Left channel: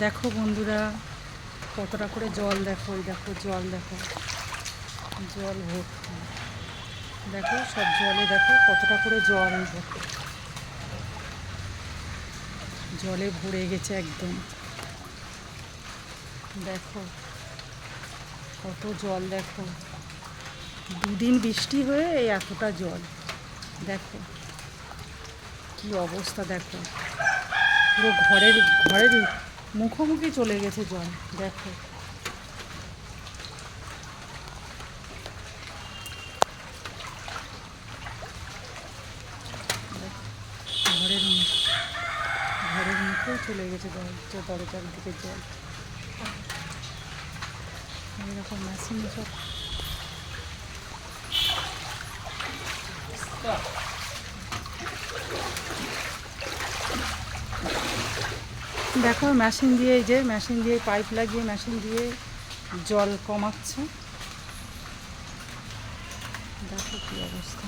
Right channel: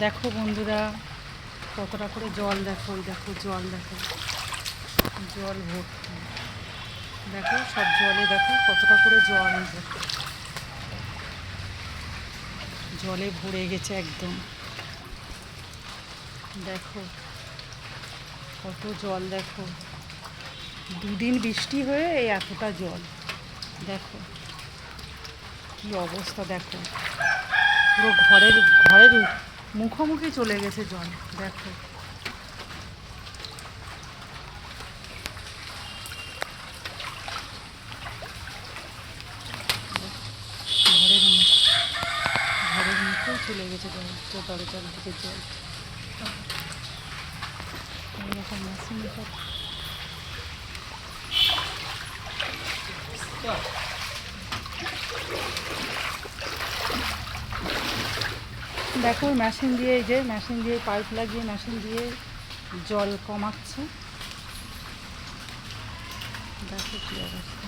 দেখো বন্ধুরা, কতটা করে জল দেখো, দেখো জল দেখো, জল ভর্তি। দেখো সব জলে দেখো কতটা করে জল, দেখো জলে ভরে গেছে একদম। দেখো কত জল, দেখো দুদিন বৃষ্টি হয়ে এই এতটা জল। দেখো কি অবস্থা, দেখো পুরো ঘরের ঘরের মুখোমুখি চলে গেছে জল। দেখো ঘরের ঘরের মুখেও চলে গেছে জল, তো দরজার দিকে জল। এইরকম মেশিন সব দেখো মেশিন দিয়ে, এই যে মেশিন দিয়ে পাইপ লাগিয়ে মেশিন দিয়ে জল কমাচ্ছে। দেখো কী অবস্থা।